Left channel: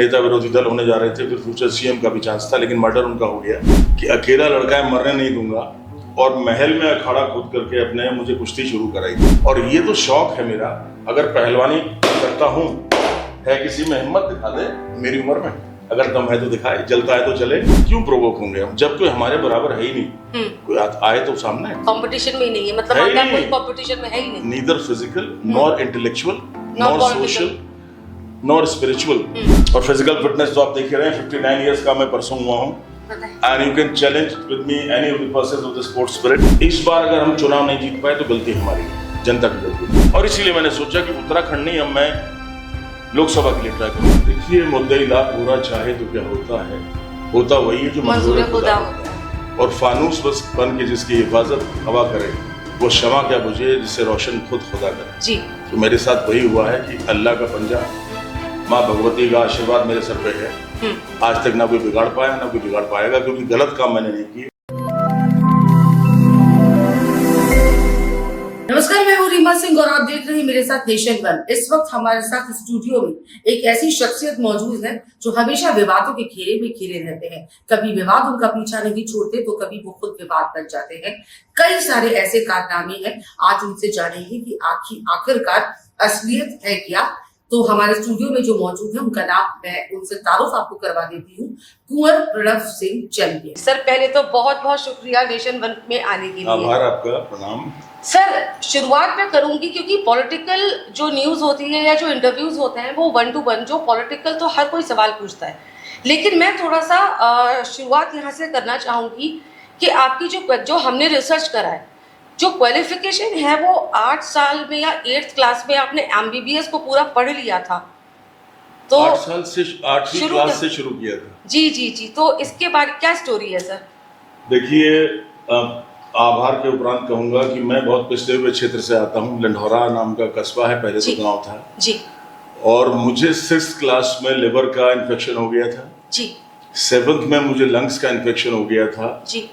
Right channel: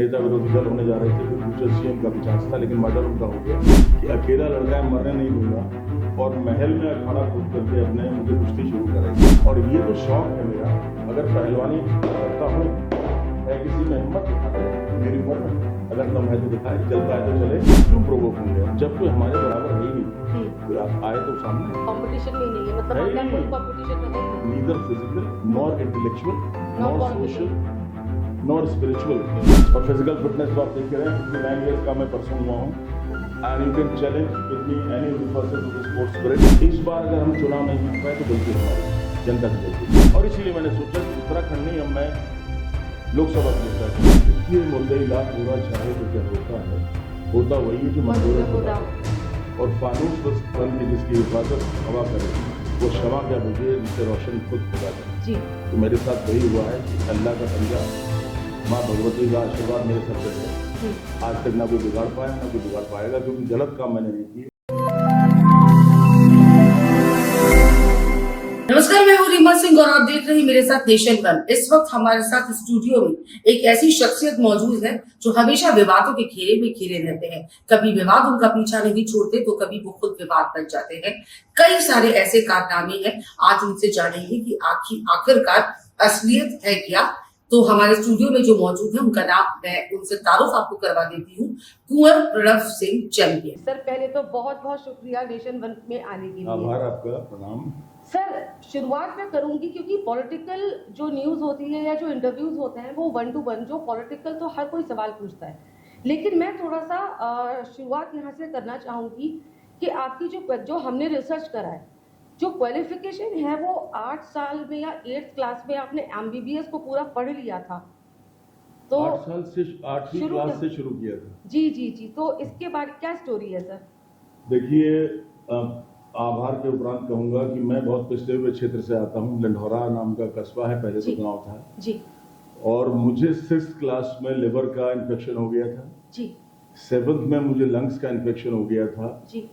नेता विरोधी दल होने जा रहे थे, फिर फ्यूचर सीएम का भी चांस था, लेकिन मर्डर उनका हो गया कि अकेला लड़का है, मरने नहीं दूंगा, और महल में अखाड़ा खोद करके अपने मुझे कुश्ती शुरू कराई। और ये तो शौक है मेरा, अगर पहलवानी करता हूँ, है किसी में हिम्मत दिखा दे मेरी उम्र में, अगर दम है तो दिखाए, चलता है तो चले, क्यों प्रोवोक होंगे हम, जब कोई हमारे बराबर है ही नहीं, कोई आए तो सामने। कंपटीशन में ही नहीं है, मतलब आपका कोई कंपटीशन में है ही नहीं, neither physical nor intellectual nor social nor spiritual. और फिजिकल फिटनेस तो आप देख रहे हैं, 59 इयर्स का मैं परसों हुआ हूँ, and you can challenge with me any of the persons of the sports spirit. इस बार अगर हम चुनाव नहीं जीत पाए तो गलती हमारी, जनता की गलती, और इसीलिए मैंने सोचा कि उत्तराखंड नहीं, अब मैं लोकसभा के लिए ट्राई करूँ। देखिए, मुद्दा पूरा चाहे तो क्या होता है, होता वही है जो मंजूर खुदा होता है, और फानूस बस बन के जिसकी हिफाजत हवा करे, वो शमा क्या बुझे जिससे रोशन खुद खुदा करे जी। तो मेरे साथ वही हुआ है कि अल्लाह का पंजा, माँ भगवती का आशीर्वाद मेरे सर पे है। आज तक ना कोई बिगाड़ पाया ना कोई बिगाड़ पाएगा, क्योंकि गलत काम मैंने नहीं किया। नमस्कार, मैं हूँ रीमा सिंह और आप देख रहे हैं मेरे साथ नेशन वन। इस वक्त हमारे साथ स्टूडियो में एक ऐसी शख्सियत मौजूद है जो हमेशा विवादों के घेरे में घिरे रहते हैं। कभी विवाद उनका पीछा नहीं छोड़ते तो कभी वो खुद विवाद बन जाते हैं। कई सारे ऐसे कारनामे हैं, आज उनसे जानेंगे कि आखिरकार असलियत है क्या। तो हमारे स्टूडियो में जो मौजूद है उनका नाम, मैं उनसे तारुफ आपको करवा देती हूँ, कुंवर प्रणव सिंह चैंपियन। सर, पहले तो बहुत बहुत शुक्रिया नेशन वन में आने के लिए। आभार आपका, प्रणाम। सर, शुरुआत मैं करूंगी क्योंकि पॉलिटिकल जो न्यूज होती है या जो इंटरव्यूज होते हैं वो 1 to 1, जो पॉलिटिकल तो हर कोई सवाल पूछता है, लेकिन मैं थोड़ा सा शुरुआत यहाँ से करना चाहूंगी कि आपकी जो हमने रिसर्च करा है, जो क्वालिफिकेशन है वो 8 साल में या 8th क्लास में आपने MBBS को पूरा पढ़ लिया था, तो 8 साल से 8वीं क्लास से शुरू किया था। जी जी जी, तो इसके बाद क्या स्टोरी है सर? देखिए, आभार के उपरांत कहूंगा कि मैं बहुत पिछड़े हुए क्षेत्र से आता हूँ। लंढौरा नाम का कस्बा है, पहले तो गांव था जी, और मुझे 6th क्लास में लिवर का इन्फेक्शन हो गया था जी, 7th में मुझे लंग्स का इन्फेक्शन हो गया था जी,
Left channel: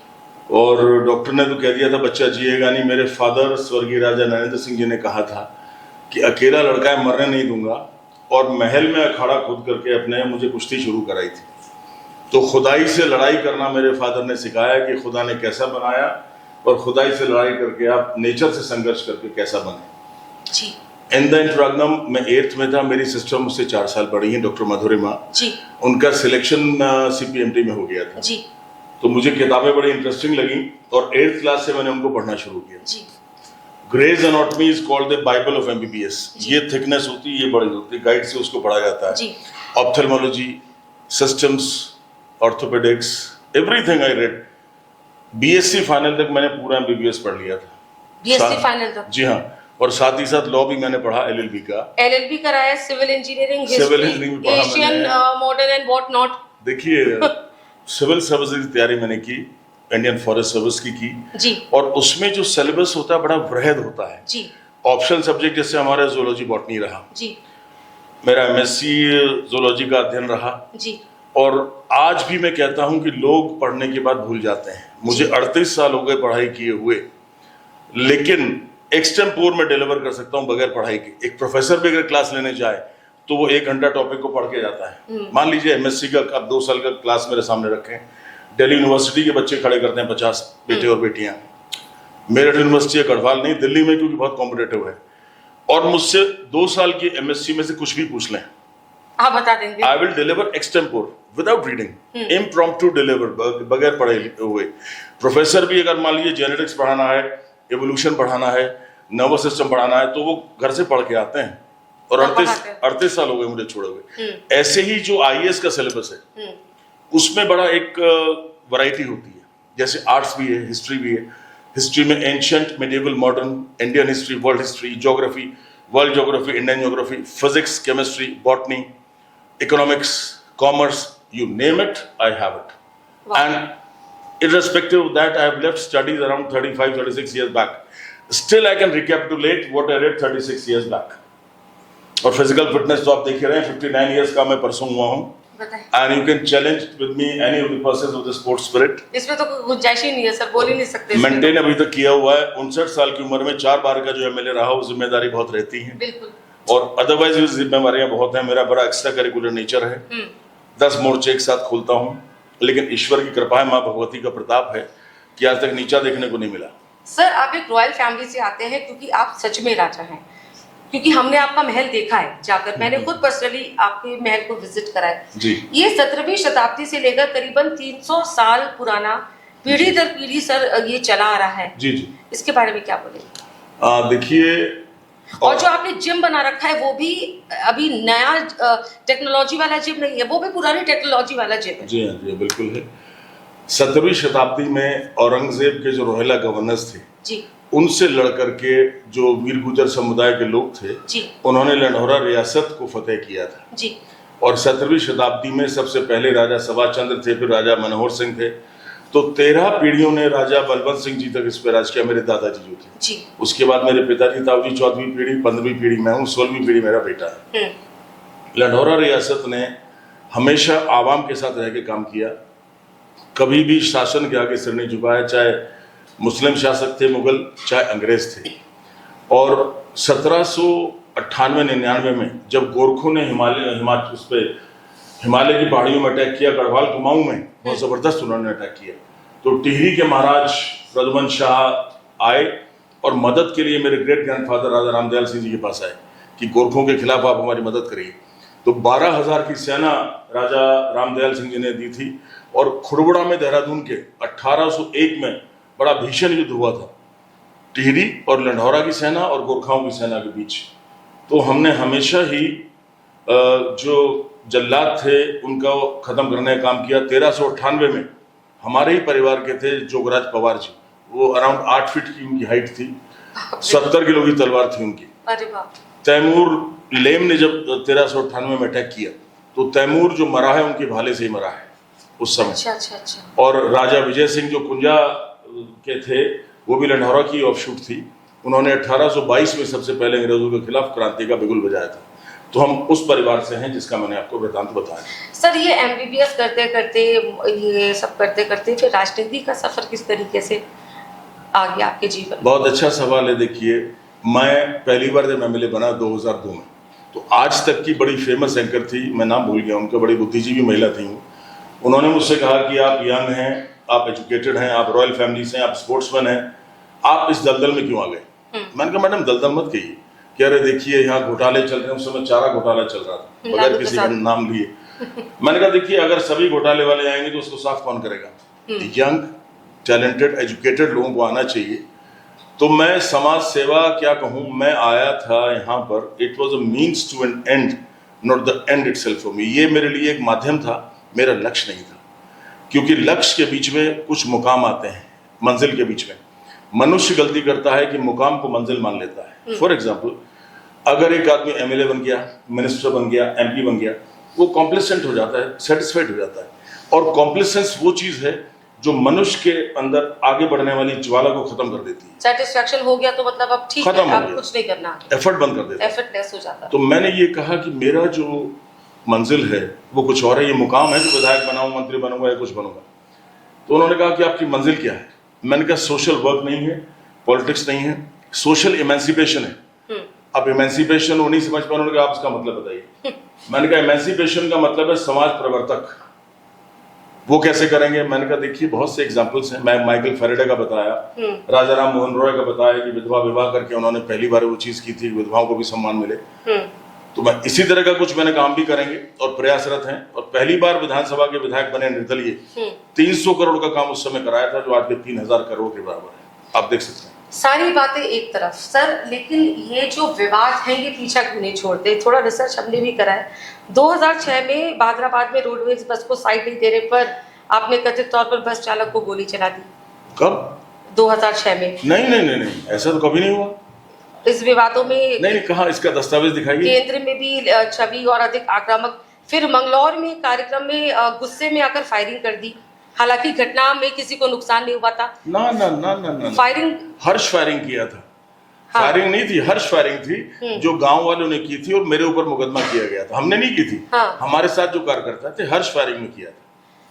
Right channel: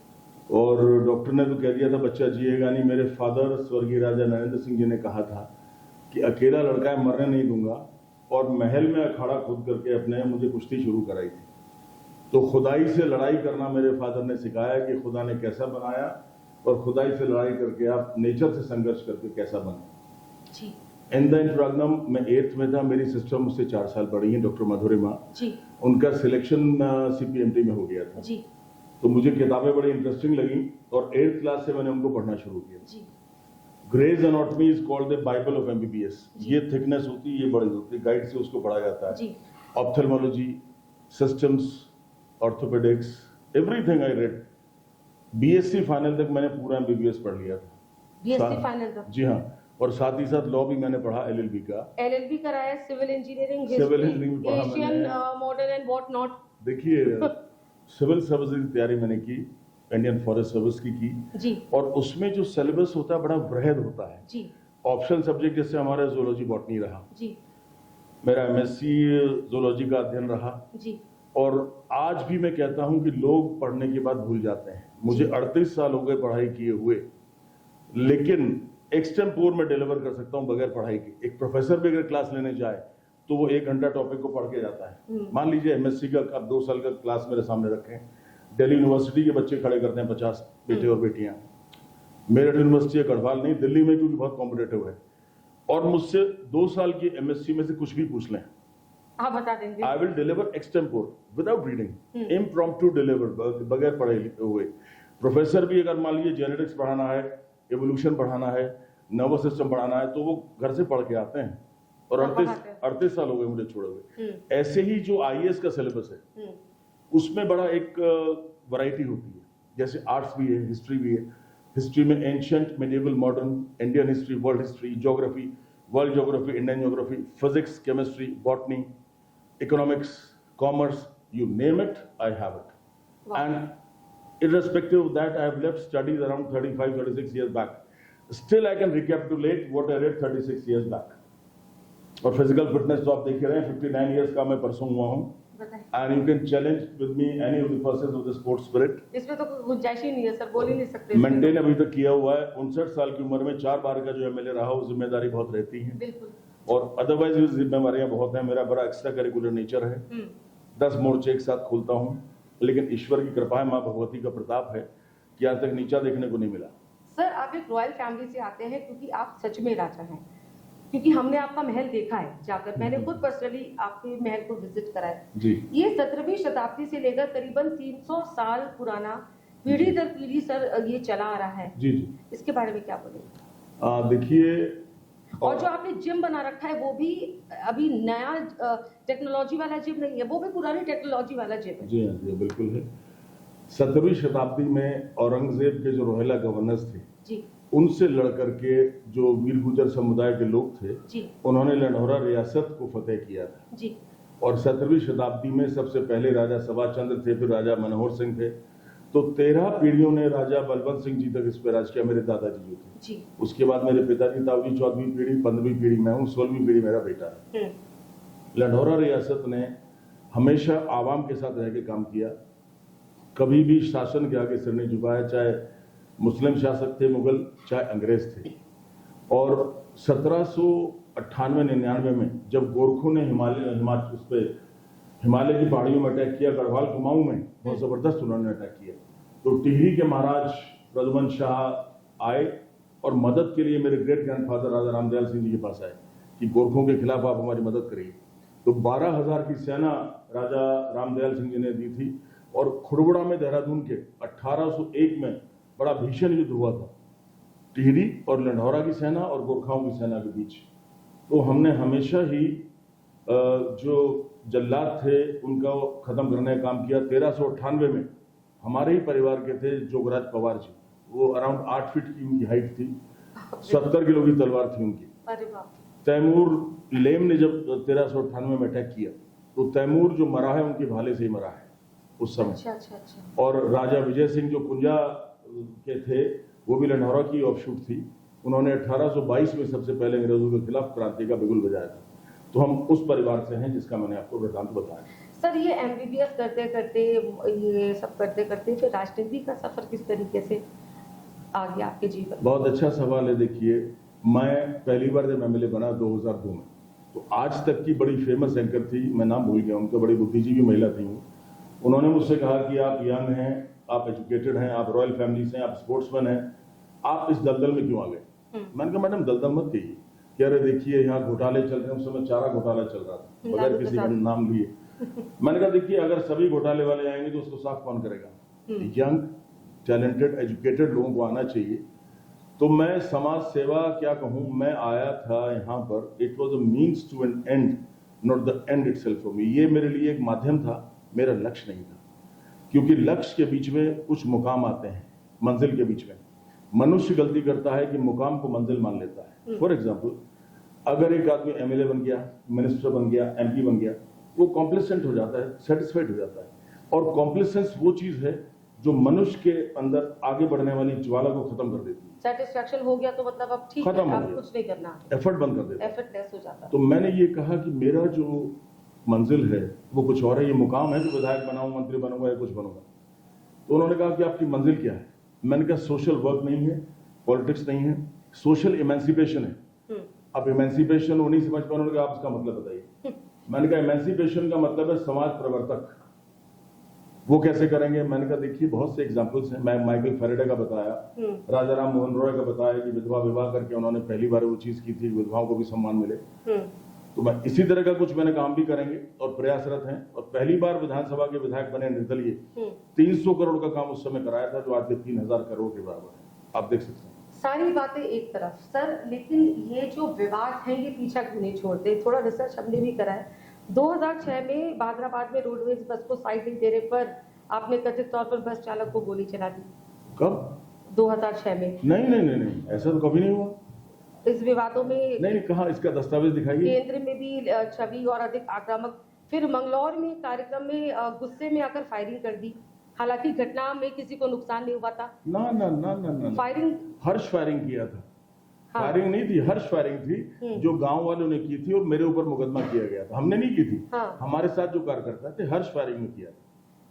और डॉक्टर ने तो कह दिया था बच्चा जिएगा नहीं। मेरे फादर स्वर्गीय राजा नरेंद्र सिंह जी ने कहा था कि अकेला लड़का है, मरने नहीं दूंगा, और महल में अखाड़ा खोद करके अपने मुझे कुश्ती शुरू कराई थी। तो खुदाई से लड़ाई करना मेरे फादर ने सिखाया कि खुदा ने कैसा बनाया, और खुदाई से लड़ाई करके आप नेचर से संघर्ष करके कैसा बने जी। इन द इंटरग्नम में 8th में था, मेरी सिस्टर मुझसे 4 साल बड़ी हैं, डॉक्टर मधुरिमा जी, उनका सिलेक्शन CPMT में हो गया था जी। तो मुझे किताबें बड़ी इंटरेस्टिंग लगी, और 8th क्लास से मैंने उनको पढ़ना शुरू किया जी। Gray's anatomy is called the Bible of MBBS। ये थिकनेस होती है, ये बड़ी होती है, गाइड से उसको पढ़ा जाता है। Ophthalmology, systems, orthopaedics, everything I read. BSc final तक मैंने पूरा MBBS पढ़ लिया था। BSc फाइनल तक? जी हाँ, और साथ ही साथ लॉ भी मैंने पढ़ा, LLB का। LLB कराया, civil engineering, history, Asian modern and what not. देखिए, सिविल सर्विसेज की तैयारी मैंने की, इंडियन फॉरेस्ट सर्विस की जी, और उसमें जो सिलेबस होता है बड़ा वृहद होता है जी। ऑप्शनल सब्जेक्ट जैसे हमारा जूलॉजी बॉटनी रहा जी, मेरा MSc जूलॉजी का अध्ययन रहा जी, और आज भी मैं कहता हूं कि लोग पढ़ने के बाद भूल जाते हैं। मुझे 38 साल हो गए पढ़ाई किए हुए, लेकिन एक्सटेम्पोर में डिलीवर कर सकता हूं बगैर पढ़ाई के। एक प्रोफेसर भी अगर क्लास लेने जाए तो वो 1 घंटा टॉपिक को पढ़ के जाता है। मान लीजिए MSc का अब 2 साल का क्लास मेरे सामने रखें, दिल्ली यूनिवर्सिटी के बच्चे खड़े करते हैं 50 बेटे और बेटियां, मेरठ यूनिवर्सिटी है गढ़वाल नहीं, दिल्ली में, क्योंकि बहुत कॉम्पिटेटिव है, और मुझसे 2 साल की MSc में से कुछ भी पूछ लें, आप बता देंगे। I will deliver extempore without reading, impromptu deliver, बगैर पढ़े हुए। प्रोफेसर भी अगर मान लीजिए जेनेटिक्स पढ़ाना है, एवोल्यूशन पढ़ाना है, नर्वस सिस्टम पढ़ाना है, तो वो घर से पढ़ के आते हैं, और 38 साल हो गए मुझे छोड़े हुए। ऐसे ही जो IAS का सिलेबस है उसमें बड़ा एक वैरायटी होती है, जैसे आर्ट्स भी है, हिस्ट्री भी है। हिस्ट्री में ancient, medieval, modern, Indian history, world history, geography, world geography, Indian geography, physics, chemistry, botany, economics, commerce, you name it, I have it. Wow. And irrespective of that, I have left studies around 35-36 years back. Still I can recapitulate what I read 36 years back. और physical fitness तो आप देख रहे हैं, 59 years का मैं परसों हुआ हूँ, and you can challenge with me any of the persons of the sports spirit. इसमें तो गुंजाइश ही नहीं है सर, बोल ही नहीं सकते। मेंटेन अभी तक किया हुआ है। 59 साल की उम्र में 4 बार का जो MLA रहा, वो जिम्मेदारी बहुत रहती है। बिल्कुल। और अदरवाइज भी जिम्मेवारियां बहुत हैं। मेरा बड़ा एक्स्ट्रा करिकुलर नेचर है, 10 मोर्चे एक साथ खोलता हूँ, लेकिन ईश्वर की कृपा है, माँ भगवती का प्रताप है कि आज तक नीचा देखने को नहीं मिला। सर आप एक रॉयल फैमिली से आते हैं, क्योंकि आप सच में राजा हैं, क्योंकि हमने आपका महल देखा है जाकर, मैंने खुद पर्सनली आपके महल को विजिट करा है जी। ये 17वीं शताब्दी से लेकर करीबन 300 साल पुराना, पीढ़ी दर पीढ़ी सर ये चला आ रहा है। जी जी। इसके बारे में क्या बोलेंगे? देखिए, और जो आपने जिम बना रखा है वो भी अभी नया टेक्नोलॉजी वाला जिम नहीं है, वो भी पुरानी टेक्नोलॉजी वाला जिम है। जी हाँ जी बिल्कुल है। 17वीं शताब्दी में औरंगजेब के जो रोहिला गवर्नर्स थे जी, उनसे लड़ करके जो वीर गुर्जर समुदाय के लोग थे जी, उन्होंने लंढौरा रियासत को फतेह किया था जी। और 17वीं शताब्दी में सबसे पहले राजा सवा चंद्र थे, फिर राजा मनोहर सिंह थे, तो 13 पीढ़ियों ने राजा बलवंत सिंह जी तक इस पर राज किया, मेरे दादाजी जो थे जी। उसके बाद मेरे पिताजी ताऊजी 14वीं पीढ़ी, 15वीं पीढ़ी मैं हूँ, 16वीं पीढ़ी मेरा बेटा है। लंढौरा रियासत ने हमेशा आवाम के साथ रह के काम किया, कभी भी शासन के आगे सिर नहीं झुकाया, चाहे मुस्लिम शासक थे मुगल, चाहे अंग्रेज थे। और 1798-99 में जब गोरखों ने हिमालय की पहाड़ियों में अटैक किया, गढ़वाल कुमाऊं में बहुत जबरदस्त उन्होंने अटैक किया, तो टिहरी के महाराज प्रद्युमन शाह आए और मदद के लिए मेरे ग्रेट ग्रैंडफादर राजा रामदयाल सिंह जी के पास आए कि गोरखों के खिलाफ आप हमारी मदद करिए। तो 12,000 की सेना राजा रामदयाल सिंह जी ने दी थी और खुड़बुड़ा में देहरादून के 1801 में बड़ा भीषण युद्ध हुआ था टिहरी और लंढौरा की सेना और गोरखाओं की सेना के बीच। तो हमने हमेशा ही जो जल्लाद थे उनका खत्म करने का काम किया। 1398 में हमारे ही परिवार के थे जोगराज पवार जी, वो अराउंड 8 फीट की उनकी हाइट थी, 70 किलो की तलवार थी उनकी। अरे बाप। तैमूर लेम ने जब 1398 में अटैक किया तो तैमूर जो मरा है उनके भाले से ही मरा है उस समय। अच्छा अच्छा अच्छा। और राजा विजय सिंह जो कुंजा के थे वो भी लंढौरा की ऑफशूट थी, उन्होंने 1822 में सबसे पहले अंग्रेजों के खिलाफ क्रांति का बिगुल बजाया था। तो हम उस परिवार से हैं जिसका मैंने आपको वृतांत बताया। सर ये MBBS करते करते, ये सब करते करते फिर राजनीति का सफर किस तरीके से आ गया आपके जीवन? बहुत अच्छा सवाल है। देखिए, मैं पहली बार जब MLA बना 2002 में, तो आज तक की बड़ी फेमस एंकर थी, मैं नाम भूल गया उनका, बड़ी बुद्धिजीवी महिला थी। उन्होंने मुझसे कहा कि आप यंग हैं, आप एजुकेटेड हैं, आप रॉयल फैमिली से हैं, आप स्पोर्ट्समैन हैं, आप इस दलदल में क्यों आ गए? मैंने कहा मैडम दलदल मत कहिए, कि अरे देखिए यहाँ घोटाले चल रहे हैं, उस समय चारा घोटाला चल रहा था बगैर किसी का नाम लिए। मैंने कहा देखिए अगर सभी घोटाले वाले आएंगे तो उसको साफ कौन करेगा? यंग टैलेंटेड एजुकेटेड लोगों को आना चाहिए। तो मैं समाज सेवा क्या कहूँ, मैं आया था यहाँ पर, it was a means to an end, not the end itself for me. ये मेरे लिए एक माध्यम था, मेरा लक्ष्य नहीं था, क्योंकि लक्ष्य के बीच में कुछ मुकाम आते हैं, मंजिल के बीच में। मनुष्य गलती करता है कि मुकाम को मंजिल मान लेता है। फॉर एग्जाम्पल, अगर एक आदमी MLA बन गया, मिनिस्टर बन गया, MP बन गया, वो कॉम्प्लेसेंट हो जाता है, सेटिस्फाइड हो जाता है। और कॉम्प्लेसेंस वो चीज़ है जो मनुष्य के अंदर आगे बढ़ने वाली ज्वाला को खत्म कर देती है। सेटिस्फैक्शन हो गया तो मतलब अब ठीक है, अब कुछ नहीं करना, एफर्ट बंद कर देता है, एफर्टलेस हो जाता है। तो मैंने ये कहा कि मेरा जो मंजिल है वो कुछ और है, ये मुकाम है कि विधायक बनाऊं, मंत्री बनूंगा या कुछ बनूंगा। तो उन्होंने कहा कि आपकी मंजिल क्या है? मैंने कहा सोशल वर्क नहीं है, पॉलिटिक्स नहीं है, सोशल इमेंसिपेशन है। अब इमेंसिपेशन वो नहीं समझ पाए, उन्होंने कहा आप इसका मतलब बताइए। मैंने कहा इमेंसिपेशन का मतलब है समाज प्रवर्तक। वो कैसे करेंगे? मैंने कहा देखिए बहुत से एग्जांपल्स हैं, मैं माइकल फेरेडे का बताया, राजा राम मोहन रॉय का बताया कि विधवा विवाह करके उन्होंने पहली बार वो चीज की थी, विधवाओं को भी सम्मान मिले। तो मैं इसी तरह का कुछ मैंने काम भी करेंगे और प्रयासरत हैं। और पहली बार विधानसभा के विधायक बने निर्दलीय, 300 करोड़ का काम उस समय कराया था, जो आज के 3000 करोड़ के बराबर है। आप देख सकते हैं। सारी बातें एक तरफ सर, लेकिन ये जो विवाद हैं ये पीछा क्यों नहीं छोड़ते? थोड़ा रिसर्च हमने भी करा है। 2006 में बादराबाद में रोडवेज बस को साइड नहीं देने पर आपने कथित तौर पर बस चालक को गोली चला दी। कब? 2006 में। नहीं, ऐसा तो कभी नहीं हुआ। इस विवादों में नहीं, कहाँ इसका दस्तावेज दिखाइए। केंद्र में भी छवि और अधिक आक्रामक, फिर मंगलौर में कार्यक्रम में गुस्से में आकर फायरिंग कर दी। हालांकि घटना में किसी को नुकसान नहीं हुआ था। ना। फायरिंग हर्ष फायरिंग किया था। हाँ। फायरिंग नहीं थी, हर्ष फायरिंग थी, जो गांव वालों ने की थी और मेरे ऊपर मुकदमा किया गया था। हमने नहीं की थी। हाँ। हमारे साथ जो कार्यकर्ता थे हर्ष फायरिंग में किया था।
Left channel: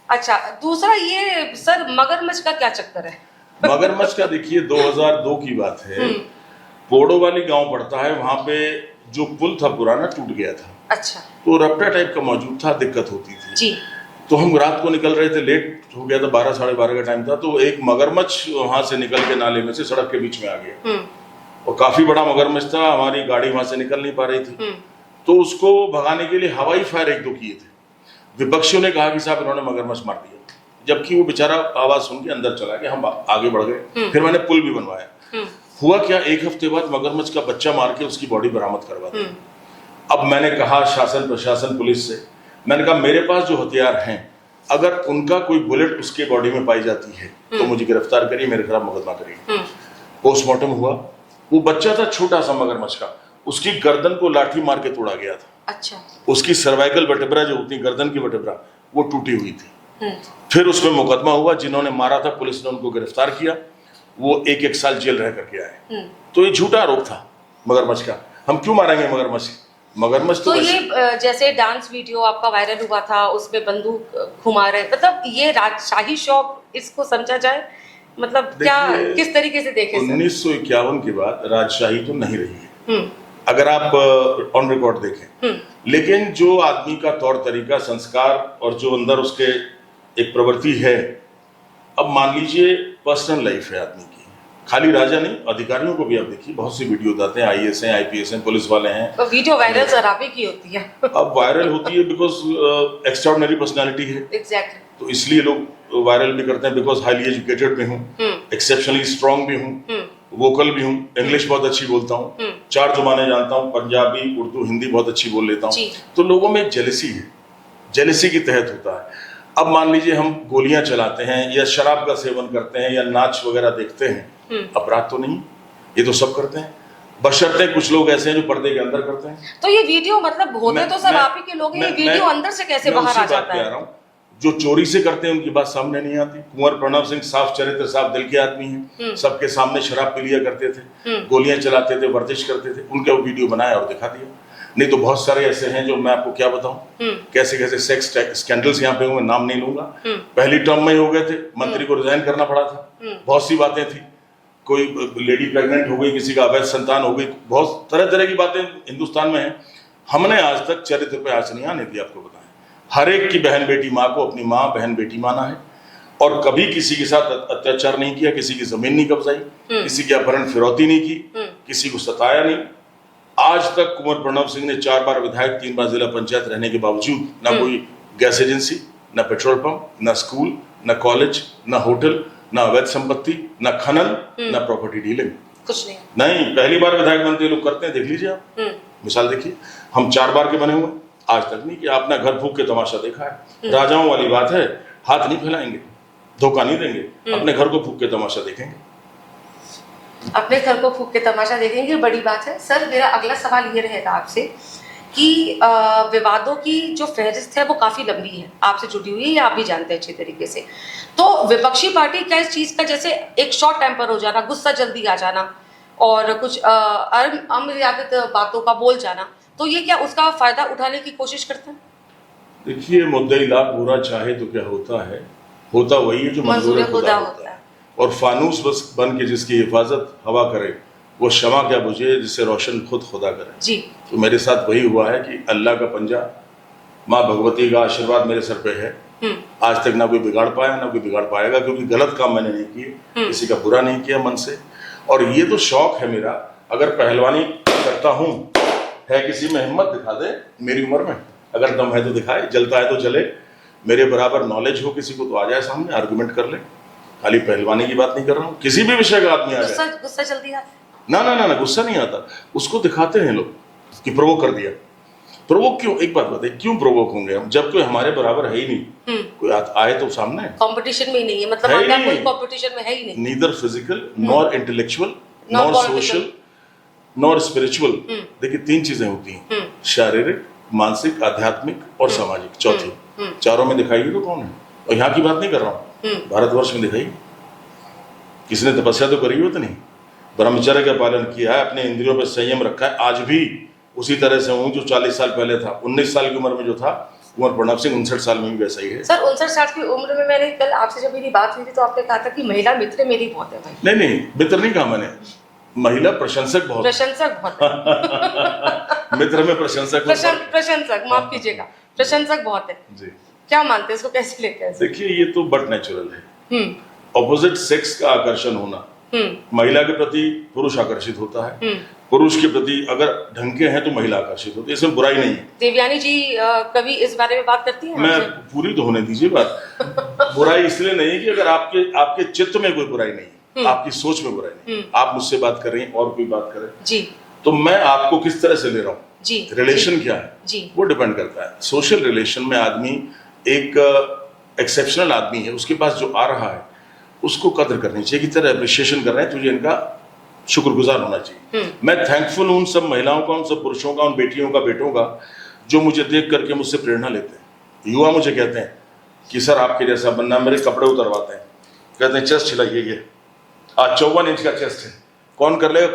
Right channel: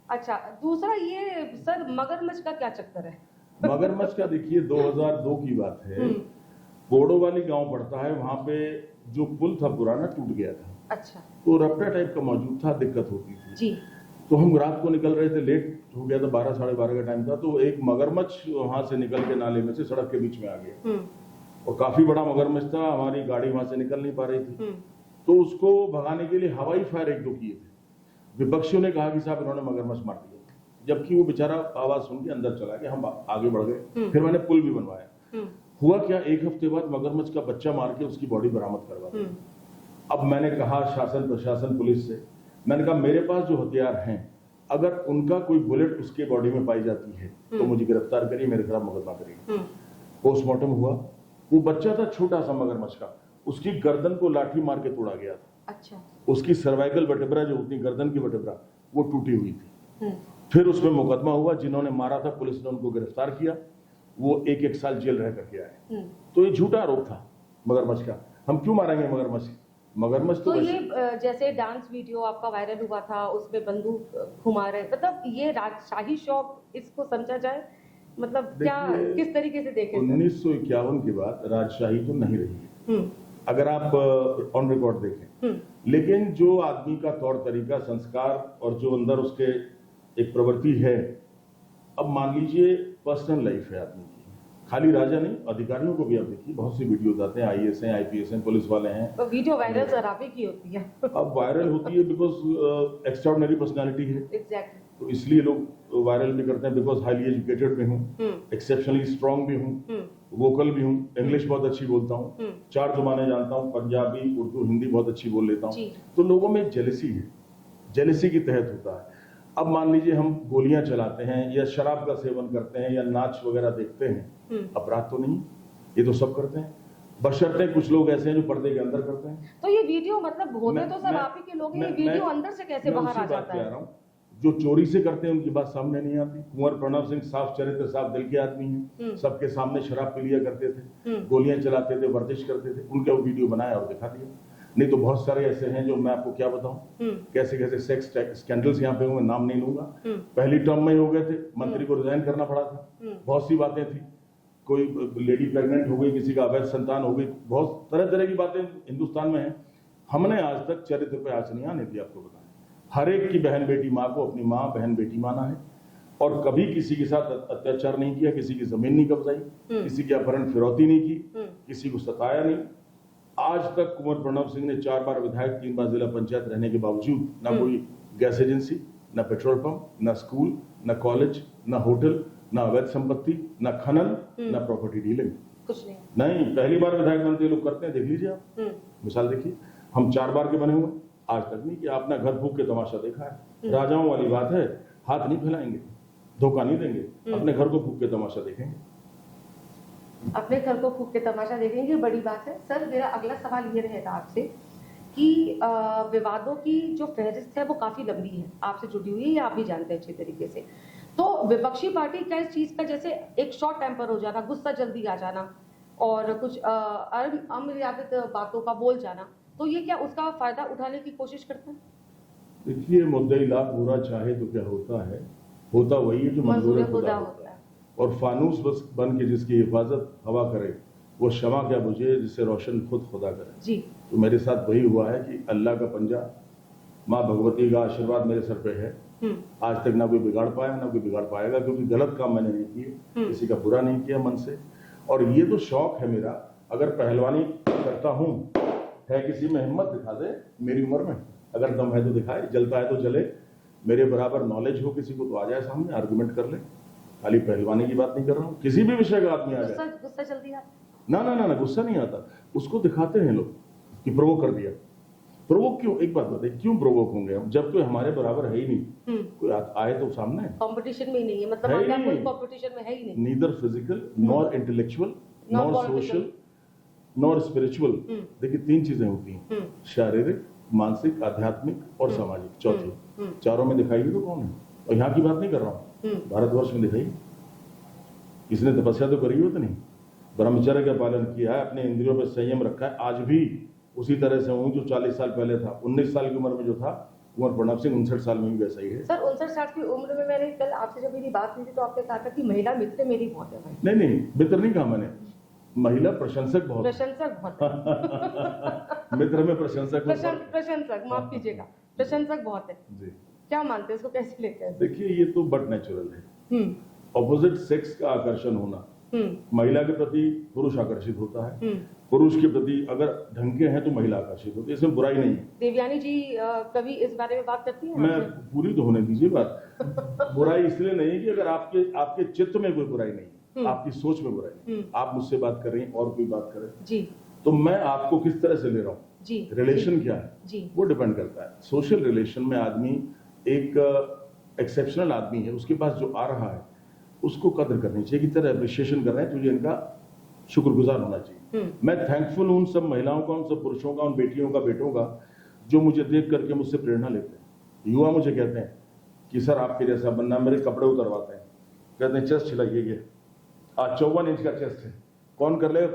अच्छा, दूसरा ये सर मगरमच्छ का क्या चक्कर है? मगरमच्छ का देखिए 2002 की बात है, पोड़ो वाली गांव पड़ता है, वहां पे जो पुल था पुराना टूट गया था। अच्छा। तो रपटा टाइप का मौजूद था, दिक्कत होती थी जी। तो हम रात को निकल रहे थे, लेट हो गया था, 12 साढ़े 12 का टाइम था, तो एक मगरमच्छ वहां से निकल के नाले में से सड़क के बीच में आ गया और काफी बड़ा मगरमच्छ था। हमारी गाड़ी वहां से निकल नहीं पा रही थी, तो उसको भगाने के लिए हवाई फायर 1-2 किए थे। विपक्षियों ने कहा कि साहब इन्होंने मगरमच्छ मार दिया, जबकि वो बेचारा आवाज सुन के अंदर चला गया। हम आगे बढ़ गए, फिर मैंने पुल भी बनवाया। हुआ क्या, 1 हफ्ते बाद मगरमच्छ का बच्चा मार के उसकी बॉडी बरामद करवा दी। अब मैंने कहा शासन प्रशासन पुलिस से, मैंने कहा मेरे पास जो हथियार हैं, अगर उनका कोई बुलेट उसके बॉडी में पाई जाती है तो मुझे गिरफ्तार करिए, मेरे खिलाफ मुकदमा करिए। पोस्टमार्टम हुआ, वो बच्चा था छोटा सा मगरमच्छ का, उसकी गर्दन को लाठी मार के तोड़ा गया था। अच्छा। उसकी सर्वाइकल वर्टेब्रा जो होती है, गर्दन की वर्टेब्रा, वो टूटी हुई थी। फिर उसमें मुकदमा हुआ, जिन्होंने मारा था पुलिस ने उनको गिरफ्तार किया, वो 1-1 साल जेल रह करके आए। तो ये झूठा आरोप था मगरमच्छ का। हम क्यों मारेंगे मगरमच्छ? मगरमच्छ तो ये जैसे डांस वीडियो आपका वायरल हुआ था, उसमें बंदूक घुमा रहे, मतलब ये राजशाही शौक इसको समझा जाए, मतलब क्या किस तरीके से देखें? 1951 के बाद राजशाही तो नहीं रही है, अगर आप ऑन रिकॉर्ड देखें, लेकिन जो आदमी का तौर तरीका, संस्कार और जो अंदर उसके एक प्रवृत्ति है, अब मान लीजिए पर्सनल लाइफ है आदमी की, खाली राजा नहीं, अधिकारियों को भी आप देखिए, बहुत सी वीडियो बताते हैं, IAS हैं, IPS हैं, पुलिस वाले हैं। तो वीडियो वायरल शराबी की होती है। अब वायरल होती है बिकॉज एक्स्ट्राऑर्डिनरी पर्सनालिटी है। एग्जैक्टली। तो इसलिए लोग वायरल भी करते हैं, बिकॉज हाईली एजुकेटेड भी हूँ, एक्सेप्शनली स्ट्रांग भी हूँ, वोकल भी हूँ, इंग्लिश बहुत अच्छी बोलता हूँ, 4 जुबानें जानता हूँ, पंजाबी, उर्दू, हिंदी बहुत अच्छी बोल लेता हूँ। तो लोगों में एक जेलसी है, जेलसी के तहत होता है। अब मान लीजिए हम गोलियां चलाते हैं या शराब का सेवन करते हैं या नाच वगैरह देखते हैं, अपराध तो नहीं, ये तो सब करते हैं, बशर्ते कुछ लोग ऐसे हैं जो पर्दे के अंदर करते हैं। तो ये वीडियो मतलब होते तो सब आप ही के लोग हैं, ये वीडियो अंदर से कैसे बाहर आ जाता है? जो चोरी से करते हैं उनकी बात सामने नहीं आती। कुंवर प्रणव सिंह साफ चरित्र, साफ दिल के आदमी हैं, सबके सामने शराब पी लिया करते थे, गोलियां चलाते थे, वर्जिश करते थे, उनका वीडियो बनाया और दिखा दिया। नहीं तो बहुत सारे ऐसे हैं जो मैं आपको क्या बताऊं, कैसे कैसे सेक्स स्कैंडल्स यहाँ पे हुए, नाम नहीं लूंगा, पहली टर्म में ही हो गए थे, मंत्री को रिजाइन करना पड़ा था, बहुत सी बातें थी, कोई लेडी प्रेग्नेंट हो गई, किसी का अवैध संतान हो गई, बहुत तरह तरह की बातें हिंदुस्तान में हैं। हमने आज तक चरित्र पे आँच नहीं आने दी, आपको बताएं। हर एक की बहन बेटी माँ को अपनी माँ बहन बेटी माना है, और कभी किसी के साथ अत्याचार नहीं किया, किसी की जमीन नहीं कब्जाई, किसी की अपहरण फिरौती नहीं की, किसी को सताया नहीं। आज तक कुंवर प्रणव सिंह ने 4 बार विधायक, 3 बार जिला पंचायत रहने के बावजूद ना कोई गैस एजेंसी, ना पेट्रोल पंप, ना स्कूल, ना कॉलेज, ना होटल, ना अवैध संपत्ति, ना खनन, ना प्रॉपर्टी डीलिंग, कुछ नहीं। नहीं, पहली बार विधायक बनते लोग करते हैं, देख लीजिए आप, मिसाल देखिए। हम 4 बार के बने हुए, आज तक नहीं कि आपने घर फूक के तमाशा देखा है। राजाओं वाली बात है, हाथ नहीं फैलाएंगे, धोखा नहीं देंगे, अपने घर को फूक के तमाशा देखेंगे, अपने घर को फूक के तमाशा देखेंगे, बड़ी बात है। सर, मेरा अगला सवाल ये रहेगा आपसे कि विवादों की जो फहरिस्त है वो काफी लंबी है, आपसे जुड़ी हुई है, या आप भी जानते हैं अच्छी तरीके से। तो विपक्षी पार्टी क्या इस चीज का, जैसे एक शॉर्ट टेम्पर हो जाना, गुस्सा जल्दी आ जाना और कुछ अमर्यादित बातों का बोल जाना, तो ये क्या उसका फायदा उठाने की कोशिश करते हैं? देखिए, मुद्दई लाख बुरा चाहे तो क्या होता है, होता वही है जो मंजूर खुदा होता है। और फानूस बस बन के जिसकी हिफाजत हवा करे, वो शमा क्या बुझे जिसे रोशन खुद खुदा करे जी। तो मेरे साथ वही हुआ है कि अल्लाह का पंजा, माँ भगवती का आशीर्वाद मेरे सर पे है। आज तक ना कोई बिगाड़ पाया, ना कोई बिगाड़ पाएगा, क्योंकि गलत काम मैंने नहीं किए, किसी का बुरा नहीं किया मन से। और ये तो शौक है मेरा, अगर पहलवानी करता हूँ, है किसी में हिम्मत दिखा दे मेरी उम्र में, अगर दम है तो दिखाए, जलता है तो जले, मेरे बराबर नॉलेज हो किसी को तो आ जाए सामने, आर्गुमेंट कर ले। खाली पहलवानी की बात नहीं कर रहा हूँ, किसी भी विषय का आदमी आ जाए। गुस्सा जल्दी आता? ना, गुस्सा नहीं आता, उसको दिखाते हैं लोग कि प्रोवोक कर दिया। प्रोवोक क्यों? एक बात बताइए, क्यों प्रोवोक होंगे हम, जब कोई हमारे बराबर है ही नहीं, कोई आए तो सामने कंपटीशन में ही नहीं है, मतलब है कोई कंपटीशन में है ही नहीं, neither physical nor intellectual nor social nor spiritual. देखिए 3 चीजें होती हैं, शारीरिक, मानसिक, आध्यात्मिक और सामाजिक, चौथी। चारों में दिखाइए तो कौन है? और यहाँ की बात नहीं कर रहा हूँ, भारतवर्ष में दिखाइए, किसने तपस्या तो करी हो तो नहीं, ब्रह्मचर्य का पालन किया है, अपने इंद्रियों पर संयम रखा है, आज भी उसी तरह से हूँ जो 40 साल पहले था। 19 साल की उम्र में जो था कुंवर प्रणव सिंह, 59 साल में भी वैसा ही है। सर, 59 साल की उम्र में, मैंने कल आपसे जब मेरी बात हुई थी तो आपने कहा था कि महिला मित्र मेरी बहुत है भाई। नहीं, मित्र नहीं कहा मैंने, महिला प्रशंसक बहुत मित्र में प्रशंसक प्रशंसक, माफ कीजिएगा, प्रशंसक बहुत है जी। क्या मानते हैं इसको, कैसे लेते हैं? देखिए ये तो बट नेचुरल है, ऑपोजिट सेक्स का आकर्षण होना, महिला के प्रति पुरुष आकर्षित होता है, पुरुष के प्रति अगर ढंग के हैं तो महिला आकर्षित होती है, इसमें बुराई नहीं है। देवयानी जी कभी इस बारे में बात करती हैं? मैं पूरी तो होने दीजिए बात। बुराई इसलिए नहीं है कि अगर आपके चित्त में कोई बुराई नहीं, आपकी सोच में बुराई नहीं, आप मुझसे बात कर रही हैं और कोई बात करे जी, तो मैं आपको किस तरह से ले रहा हूँ जी, रिलेशन क्या है जी, वो डिपेंड करता है। सोशल रिलेशन में आदमी एक एक्सेप्शनल आदमी है, उसके पास जो आ रहा है उसको कदर करनी चाहिए कि तेरा अप्रिशिएशन कर रहे हैं, तुझे इनका शुक्रगुजार होना चाहिए। मैं थैंकफुल हूं उन सब महिलाओं का, उन सब पुरुषों का, उन बेटियों का, बेटों का जो मुझे देख करके मुझसे प्रेरणा लेते हैं। युवा मुझे कहते हैं कि सर आपके जैसा बनना, मेरे कपड़े उतरवाते हैं, कहते हैं चेस्ट हिलाइए, ये आज 54 इंच का चेस्ट है, कौन कर लेगा,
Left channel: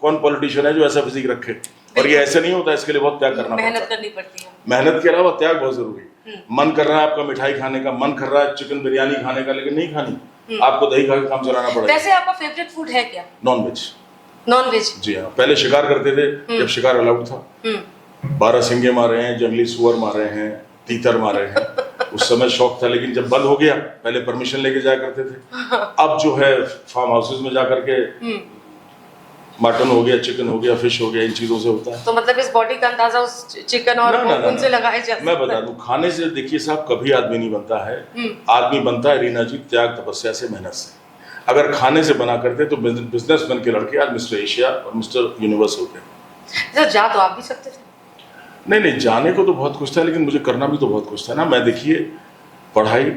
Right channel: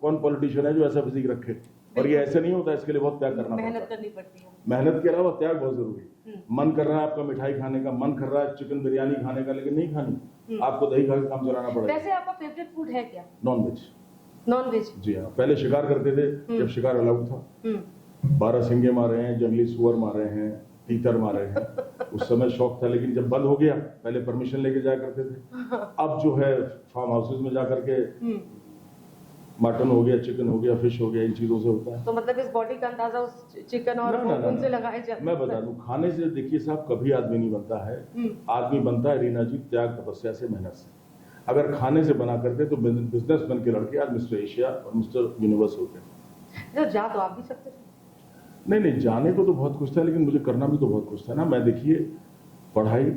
कौन पॉलिटिशियन है जो ऐसा फिजिक रखे। और ये ऐसे नहीं होता, इसके लिए बहुत त्याग करना, मेहनत करनी पड़ती है। मेहनत के अलावा त्याग बहुत जरूरी है। मन कर रहा है आपका मिठाई खाने का, मन कर रहा है चिकन बिरयानी खाने का, लेकिन नहीं खानी, आपको दही खा के काम चलाना पड़ेगा। वैसे आपका फेवरेट फूड है क्या? Non veg. Non veg? जी हाँ, पहले शिकार करते थे जब शिकार अलाउड था, 12 सिंगे मारे हैं, जंगली सुअर मारे हैं, तीतर मारे हैं, उस समय शौक था। लेकिन जब बंद हो गया, पहले परमिशन लेके जाया करते थे, अब जो है फार्म हाउसेज में जा करके मटन हो गया, चिकन हो गया, फिश हो गया, इन चीजों से होता है। तो मतलब इस बॉडी का अंदाजा उस चिकन और उनसे लगाया जा सकता है। मैं बता दूं, खाने से देखिए साहब कभी आदमी नहीं बनता है, आदमी बनता है रीना जी त्याग, तपस्या से, मेहनत से। अगर खाने से बना करते तो बिजनेसमैन के लड़के आज मिस्टर एशिया और मिस्टर यूनिवर्स होते। जा तो आप भी सकते थे। नहीं, जाने को तो बहुत कुछ था, लेकिन मुझे करना भी तो बहुत कुछ था ना। मैं देखिए पढ़ाई,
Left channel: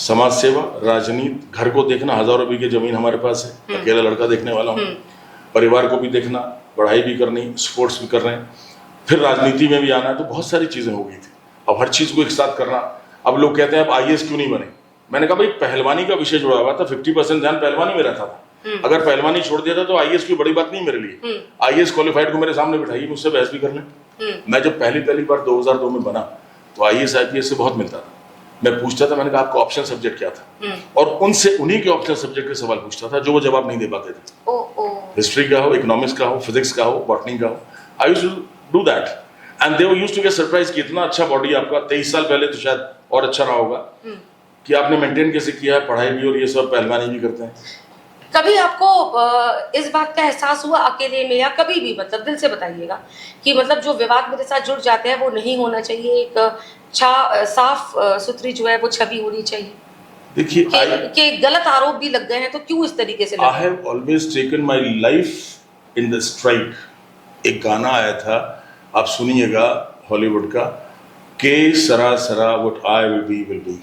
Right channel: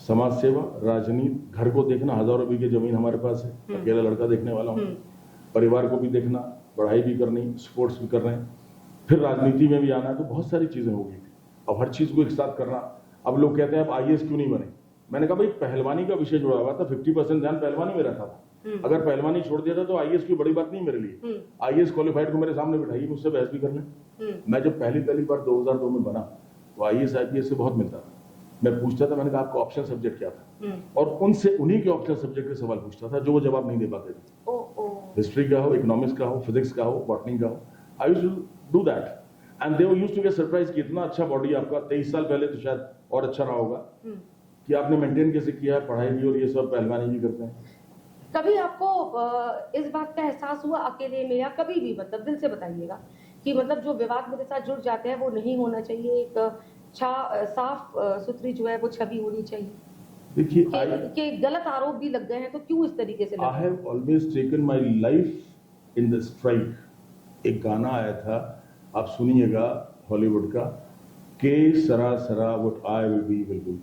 समाज सेवा, राजनीति, घर को देखना, हजारों बीघे जमीन हमारे पास है, अकेला लड़का देखने वाला हूँ, परिवार को भी देखना, पढ़ाई भी करनी, स्पोर्ट्स भी कर रहे हैं, फिर राजनीति में भी आना है, तो बहुत सारी चीजें हो गई थी। अब हर चीज को एक साथ करना। अब लोग कहते हैं आप IAS क्यों नहीं बने? मैंने कहा भाई पहलवानी का विषय जुड़ा हुआ था, 50% ध्यान पहलवानी में रहता था, अगर पहलवानी छोड़ दिया था तो IAS की बड़ी बात नहीं मेरे लिए। IAS क्वालिफाइड को मेरे सामने बिठाइए, मुझसे बहस भी कर लें। मैं जब पहली बार 2002 में बना तो IAS IPS से बहुत मिलता था, मैं पूछता था, मैंने कहा आपका ऑप्शन सब्जेक्ट क्या था, और उनसे उन्हीं के ऑप्शन सब्जेक्ट के सवाल पूछता था जो वो जवाब नहीं दे पाते थे। हिस्ट्री का हो, इकोनॉमिक्स का हो, फिजिक्स का हो, बॉटनी का हो, I used to do that and they used to get surprise कि इतना अच्छा बॉडी आपका, 23 साल पहले तो शायद और अच्छा रहा होगा कि आपने मेंटेन कैसे किया है, पढ़ाई भी और ये सब, पहलवानी भी करते हैं। कभी आपको इस बात का एहसास हुआ अकेले में, या कभी भी, मतलब दिल से बताइएगा, कि मतलब जो विवाद मेरे साथ जुड़ जाते हैं वो नहीं होना चाहिए, एक साफ सुथरी जो है वो छवि होनी चाहिए? देखिए कि गलत आरोप भी लग गए हैं तो क्यों इस तरीके से? I have always taken my life in the STRIDE. एक गाना आया था, आप सुनिएगा, हॉलीवुड का, के सरा सरा व्हाट आई विल बी,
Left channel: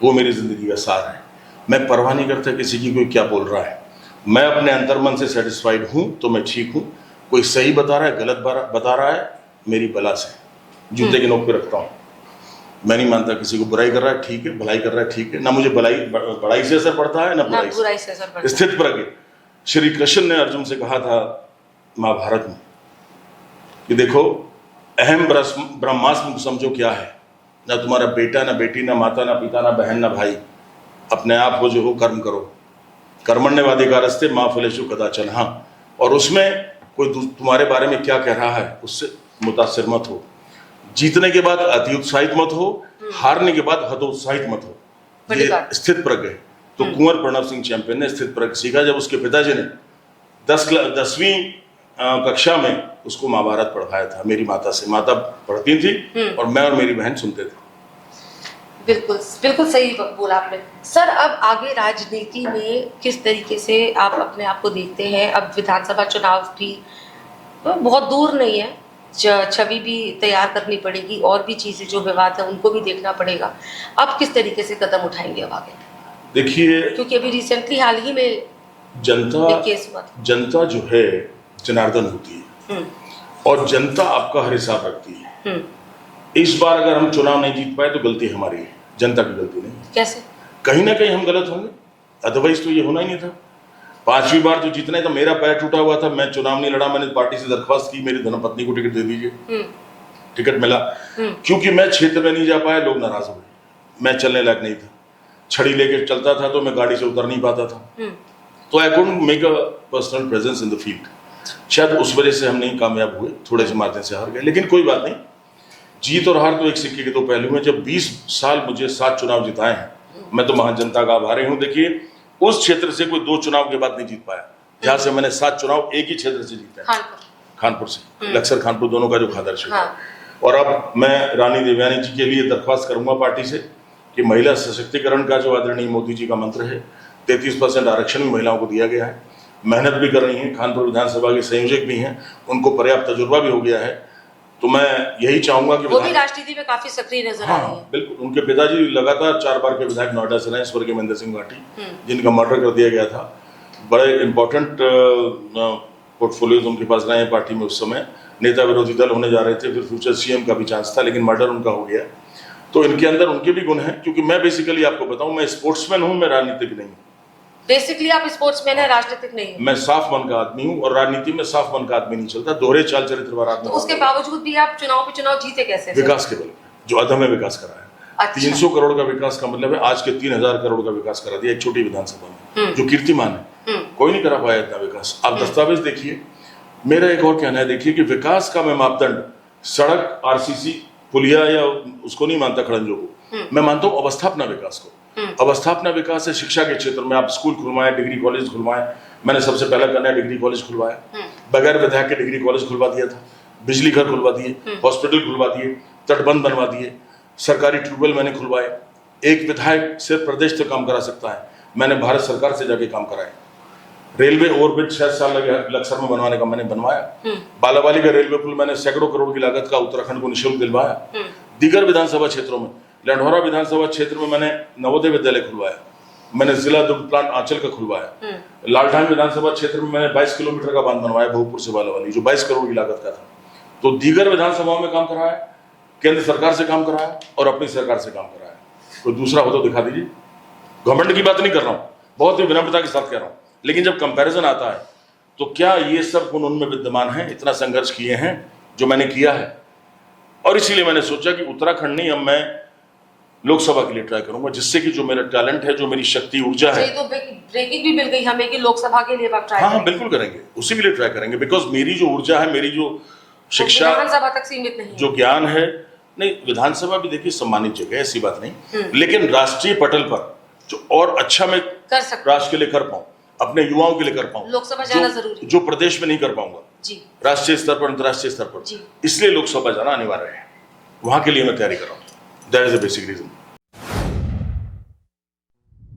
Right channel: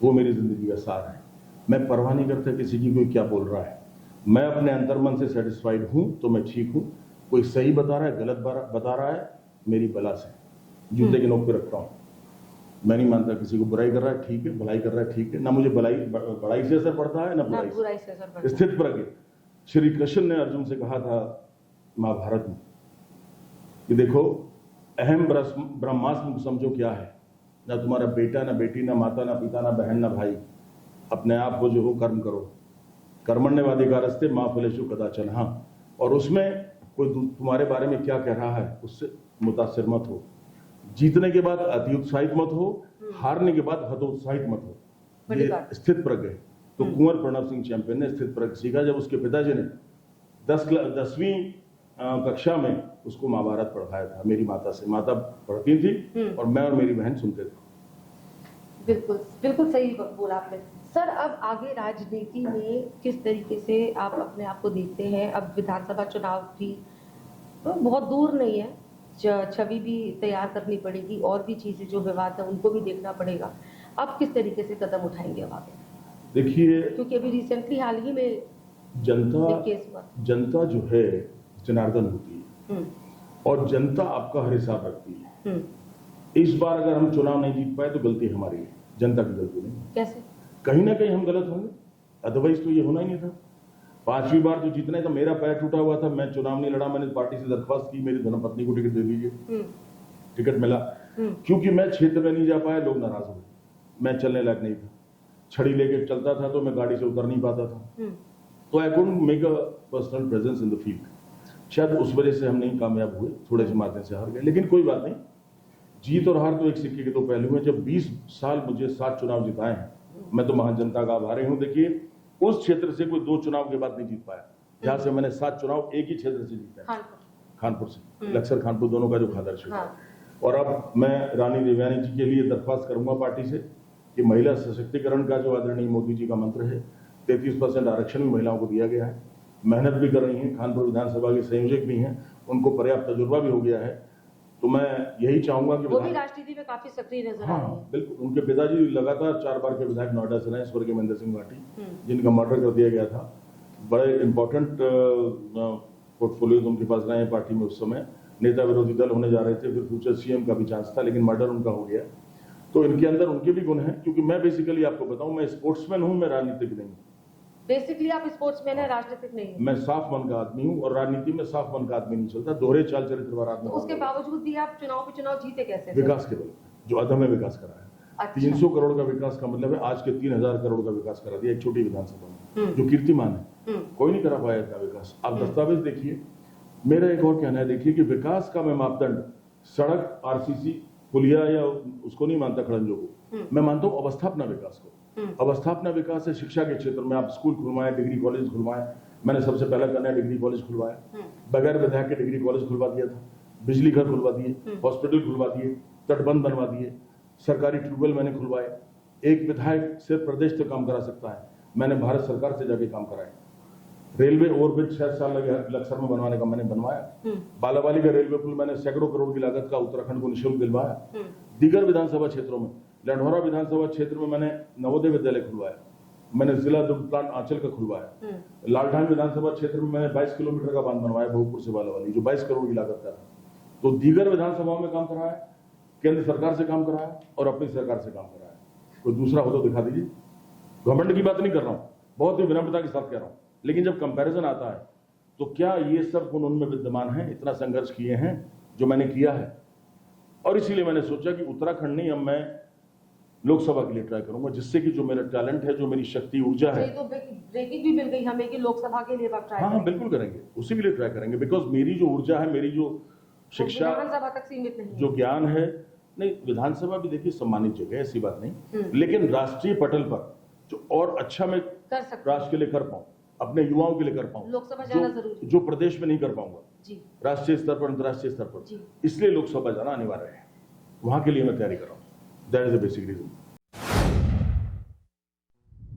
वो मेरी जिंदगी का सार है। मैं परवाह नहीं करता किसी की कोई क्या बोल रहा है, मैं अपने अंतर्मन से सेटिस्फाइड हूँ तो मैं ठीक हूँ। कोई सही बता रहा है, गलत बता रहा है, मेरी बला से जूते के नोक पे रखता हूँ। मैं नहीं मानता किसी को बुराई कर रहा है ठीक है, भलाई कर रहा है ठीक है, ना मुझे बड़ाई से असर पड़ता है ना बुराई से असर पड़ता है। स्थित प्रज्ञ श्री कृष्ण ने अर्जुन से कहा था महाभारत में कि देखो अहम ब्रह्मास्म समझो क्या है, ना तुम्हारा बेटा ना बेटी ना माता ना पिता ना बहन ना भाई, अपने आप हो जो हो कर्म करो, कर्मण्यवाधिकारस्ते मा फलेषु कदाचन। हाँ, और उसमें कोई तुम्हारे बारे में क्या कह रहा है उससे मुतासिर मत हो, जीतने के बाद अति उत्साहित मत हो, हारने के बाद हतोत्साहित मत हो। ये स्थित प्रज्ञ है। तो कुंवर प्रणव सिंह चैंपियन ने स्थित प्रज्ञ सीखा जब उसके पिताजी ने 10वीं कक्षा में उसको महाभारत पढ़ाया था मेरी माता से। माता पढ़ती थी और मैं और मेरी बहन सुनते थे। बिल्कुल बिल्कुल सही बोला आपने। सर, अब आगे राजनीति में किस तरीके से आप अपने आप को देखते हैं? अब विधानसभा चुनाव भी बहुत दूर नहीं है, छवि भी तैयार करनी पड़ेगी, और भी चीजें जो विवाद है उनको भी देखना पड़ेगा। अब किस तरीके से कदम उठाएंगे अब आगे? देखिए, क्योंकि अभी रिसेंटली हाल ही में जनता जो है जनार्दन होती है और जनता आपका हर हिसाब रखती है। इस बार अगर हम चुनाव नहीं जीत पाए तो गलती हमारी है, जनता की गलती नहीं। कैसे? कहीं ना कहीं हम गलत होंगे, अदरवाइज तो ये होना ही नहीं था। 5वीं बार जो जीतना है था, मेरा पैर टूटा हुआ था, मैं चुनाव नहीं लड़ा, मैंने पार्टी से दरख्वास्त की मेरी धर्मपत्नी को टिकट दे दीजिए, टिकट मिला। क्योंकि मैं क्षेत्र में नहीं जा पाया, लोग नाराज हो गए, मैं चलने लायक नहीं था, छड़ी लेके चलता था तो मैं गाड़ी से उतर नहीं पाता था। तो I couldn't make a personal presence in the field. शायद उस वजह से हम नहीं कामयाब हुए, थोड़े से मार्जिन से हार गए। लेकिन कोई बात नहीं, जीत और हार तो एक सिक्के के दो पहलू हैं। जब 20 साल मुझे 7 चुनाव जिताए हैं, मैं तो महान जनता का आभारी हूँ। देखिए, उस क्षेत्र से कोई 2 चुनाव के बाद नहीं जीत पाया, जहां से मैंने 7 चुनाव एक ही क्षेत्र से जीते हैं, खानपुर से, लक्सर खानपुर दोनों का जो खादर क्षेत्र है। और अब मैं रानी देवयानी जी के लिए दरख्वास्त करूंगा पार्टी से कि महिला सशक्तिकरण का जो आदरणीय मोदी जी का मंत्र है, 33% आरक्षण भी महिलाओं को दिया गया है, मेहनत भी कर रही हैं, कानपुर विधानसभा के संयोजक भी हैं, उनको पर्याप्त तजुर्बा भी हो गया है। तो मैं यही चाहूंगा कि वो भी राजनीति में काफी सक्रिय नजर आ रही है। बिल्कुल, उनके पिताजी लगातार 4 बार के विधायक नोएडा से रहे, स्वर्गीय महेंद्र सिंह भाटी, जिनका मर्डर कर दिया गया था। बड़े इंपॉर्टेंट पोर्टफोलियोज उनके पास रहे हैं पार्टी में। उस समय नेता विरोधी दल होने जा रहे थे, फिर फ्यूचर सीएम का भी चांस था, लेकिन मर्डर उनका हो गया। तो इनके अंदर उनके भी गुण हैं, क्योंकि मैं बेसिकली आपको बताऊं, मैं स्पोर्ट्समैन हूं, मैं राजनीतिक नहीं हूं। बेसिकली आप स्पोर्ट्समैन है, राजनीतिक नहीं है। मैं साफ मन का आदमी हूं, और राजनीति में साफ मन का आदमी नहीं चलता, दोहरे चाल चरित्र वाला आदमी। तो उसके बावजूद भी आप चुनाव पे चुनाव जीते कैसे? विकास के बल, जो अदम्य विकास करा है। अच्छा। 300 करोड़ का विकास का मतलब है आज के 3000 करोड़ का विकास करा दिया एक छोटी विधानसभा में, जो कीर्तिमान है। कोई नहीं करा पाया इतना विकास। आप दस्तावेज देखिए। मेरा एक और कहना है, देखिए कि विकास का मैं मापदंड सड़क, आरसीसी, पुलिया या उसको नहीं मानता, खड़ंजों को। मैं मानता हूँ अवस्थापना विकास को। अवस्थापना विकास है शिक्षा के क्षेत्र में। आप स्कूल खुलवाएं, डिग्री कॉलेज खुलवाएं। मैंने सबसे पहला कन्या डिग्री कॉलेज खुलवाया, बगैर विधायक के डिग्री कॉलेज खुलवा दिया था, बिजली घर खुलवा दिए, हॉस्पिटल खुलवा दिए, तटबंध बनवा दिए, सरकारी ट्यूबवेल मैंने खुलवाए। एक विधायक सिर्फ प्रदेश तक काम करा सकता है, मैंने भारत सरकार से जाके काम कराए। रेलवे ओवरब्रिज 6 साल लगे लक्सर में बनवाने का, मैंने बनवाया। बालावाली का रेलवे पुल मैंने सैकड़ों करोड़ की लागत का उत्तराखंड को निःशुल्क दिलवाया। दीगर विधानसभा क्षेत्रों में, लंढौरा विधानसभा क्षेत्र में मैंने नवोदय विद्यालय खुलवाया, मैंने जिला दुग्ध प्लांट आंचल का खुलवाया। लालठान विधानसभा क्षेत्र में मैंने 22 किलोमीटर का बांध बनवाया भोगपुर से बालावाली, जो 22 करोड़ की लागत का था। तो दीगर विधानसभाओं में काम कराया, केंद्र सरकार से काम कराया और अपनी सरकार से काम कराया। कोई दूसरा हो तो दिखा दीजिए। गवर्नमेंट की बात नहीं कर रहा हूँ, बहुत ही विनम्रता के साथ कह रहा हूँ, लेकिन जब कंपैरिजन आता है तो क्या ये सब गुण उनमें विद्यमान हैं? इतना संघर्ष किए हैं जो मैंने किया है, और इसीलिए मैंने सोचा कि उत्तराखंड नहीं, अब मैं लोकसभा के लिए ट्राई करूंगा, जिससे कि जो मेरा टैलेंट है, जो मेरी शक्ति, ऊर्जा है। तो ब्रेकिंग भी मिल गई हमें कि लोकसभा के लिए आप ट्राई हाँ, बिल्कुल करेंगे, उसी के लिए ट्राई करेंगे। बिकॉज मेरी जो ऊर्जा है, मेरी जो शिक्षा, विधानसभा तक सीमित नहीं, जो ज्ञान है, नहीं, विधानसभा भी देखिए सम्मानित जगह है, ऐसी बात नहीं, लेकिन राष्ट्रीय पटल पर जो और अच्छा मैं कर सकता, राष्ट्र के लिए कर पाऊं, अपने युवाओं के लिए कर पाऊं, लोकसभा जाना जरूरी, जो प्रदेश में नहीं कर पाऊंगा जी, राष्ट्रीय स्तर पर, अंतर्राष्ट्रीय स्तर पर, इसलिए लोकसभा जाना अनिवार्य है। वहां के लिए मैं तैयारी कर रहा हूं। That is the basic reason.